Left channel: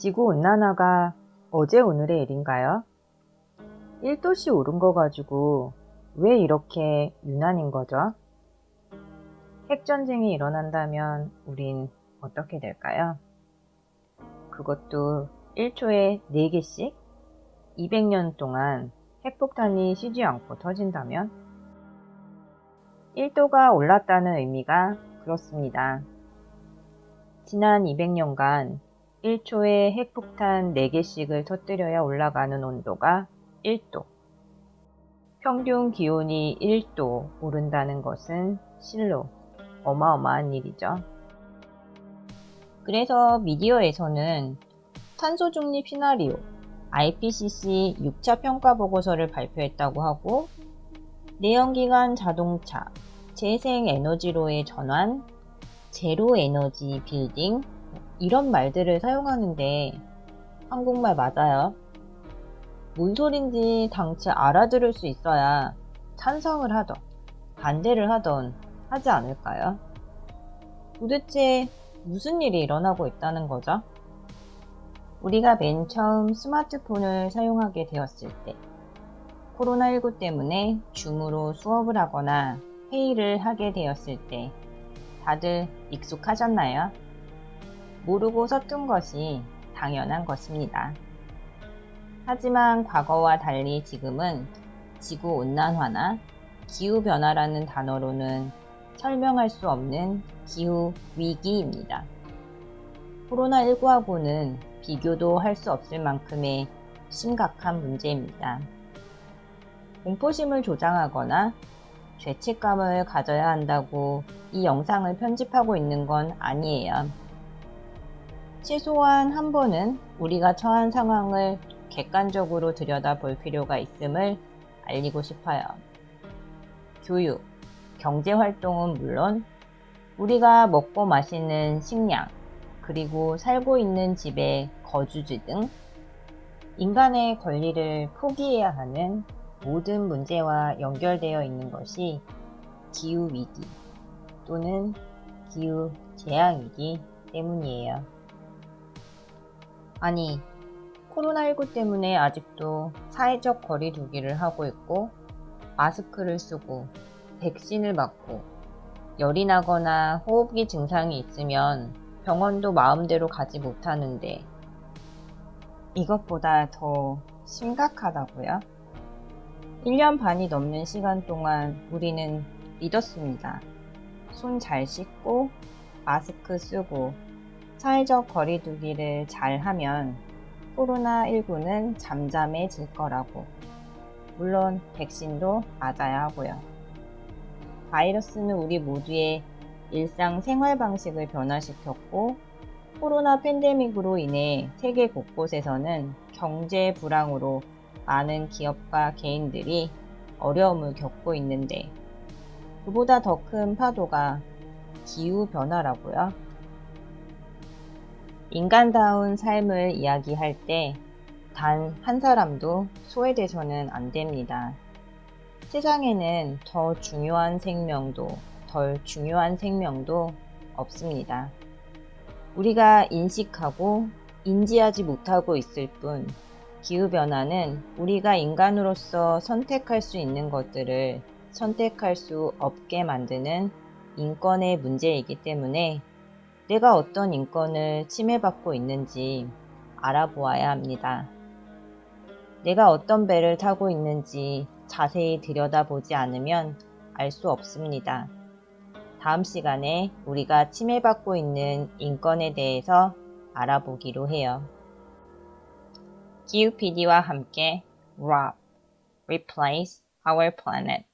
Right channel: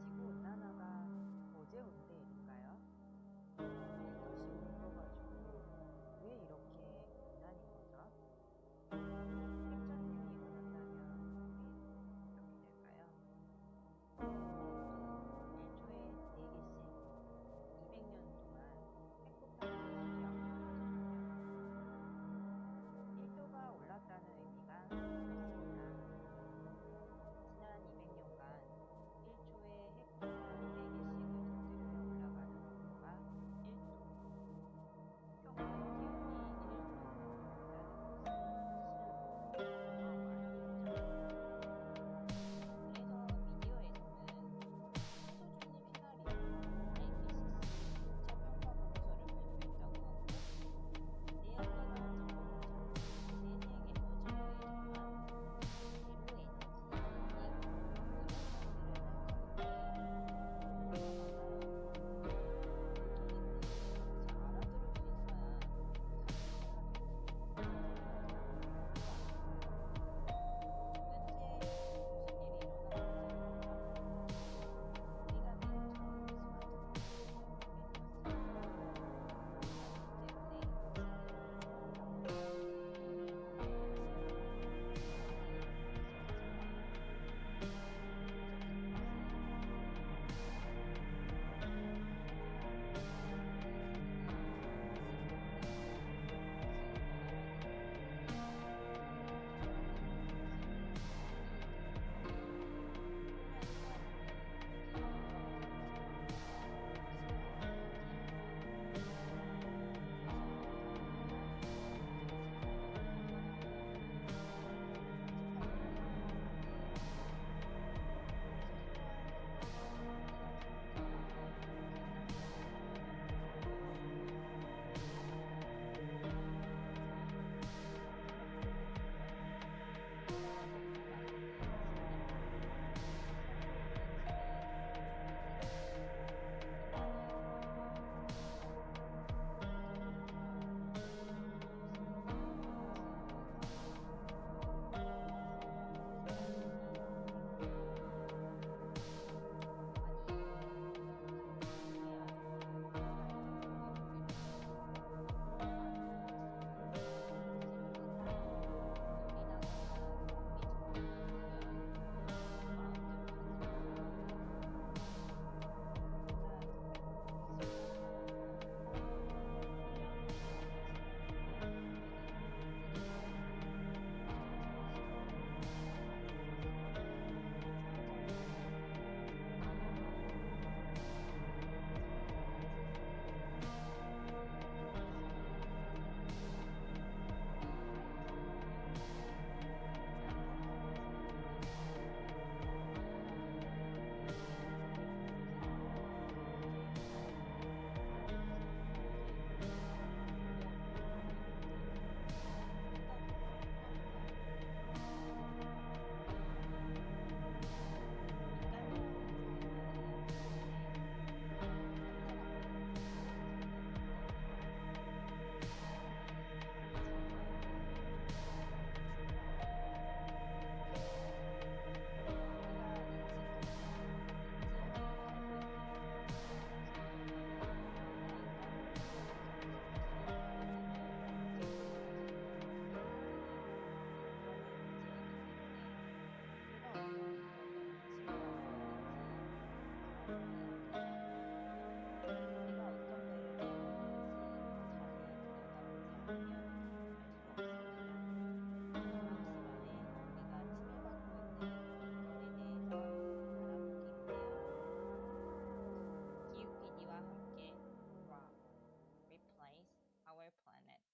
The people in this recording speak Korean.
지구 온난화가 어제 오늘의 일인가요? 1도씨 오른 거 가지고 왜 이렇게 유난인 거죠? 핵전쟁이 일어난다면 우린 어떻게 될까요? 그것도 1초에 4개씩 200년 동안 핵폭탄이 쉬지 않고 터진다면 1도가 올랐다는 의미가 그렇습니다. 지난 200년간 1초에 핵폭탄 4개씩을 터뜨려야 올라가는 온도가 1도. 평균 기온이 1도 오른다는 것은 실로 어마어마한 일이죠. 그래서 미디어에서는 탄소 중립 시나리오 IPCC 6차 평가 보고서를 발표했다고 하고 내연기관 자동차, 재생 에너지로의 전환, 제로 에너지 빌딩 이런 말들을 사용하는데 한국말 맞아요. 뭔 소린지 당최 알아들을 수 있어야 찬성을 하던 반대를 하던 하지 않을까요? 도대체 무슨 일이 일어나고 있다는 거죠? 우리가 맨 처음 스마트폰을 사용하게 되었을 때 코로나19 때문에 줌으로 수업을 하거나 회의를 하게 되었을 때 다들 익숙하셨나요? 모르고 서툰 것이 당연한 것입니다. 하지만 과거와 달리 지금은 지구 온난화나 기후 변화라는 단어로는 설명할 수 없는 기후 위기입니다. 코로나19하고는 비교도 할 수 없을 만큼의 심각한 문제입니다. 공포심을 조장하거나 죄책감을 가져야 한다고 이 영상을 편집하고 있는 건 아니에요. 최소한 한 번은 우리가 처한 상황을 객관적으로 들여다볼 필요가 있음을 알리고 싶어요. 교육, 경제 활동은 물론 우리가 먹고 마시는 식량, 그리고 살고 있는 집의 거주지 등 인간의 권리를 포기해야 하는 모든 문제와 연결되어 있는 것이 기후위기 또는 기후 재앙이기 때문이에요. 아니, 코로나19 때문에 아직도 사회적 거리두기를 하고 있고, 마스크를 쓰고, 백신을 맞고, 열이 나거나 호흡기 증상이 있으면 병원도 마음대로 가지 못하는데, 이것보다 더 심각하다고요? 1년 반이 넘는 시간 동안 우리는 믿었습니다. 손 잘 씻고, 마스크 쓰고, 사회적 거리두기를 잘 하면 코로나19는 잠잠해질 거라고. 물론 백신도 맞아야 하고요. 바이러스는 우리 모두의 일상 생활 방식을 변화시켰고, 코로나 팬데믹으로 인해 세계 곳곳에서는 경제 불황으로 많은 기업과 개인들이 어려움을 겪고 있는데, 그보다 더 큰 파도가 기후 변화라고요. 인간다운 삶을 이야기할 때 단 한 사람도 소외돼서는 안 됩니다. 세상에는 더 중요한 생명도 덜 중요한 생명도 없습니다. 우리가 인식하고 인지하지 못하고 있을 뿐 기후변화는 우리가 인간으로서 선택할 수 있는 것들을 선택할 수 없게 만드는 인권의 문제이기 때문에 내가 어떤 인권을 침해받고 있는지 알아보아야 합니다. 내가 어떤 배를 타고 있는지 자세히 들여다보지 않으면 알 수 없습니다. 다음 시간에 우리가 침해받고 있는 인권에 대해서 알아보기로 해요. 기후 PD와 함께 ROB, Replace Our Planet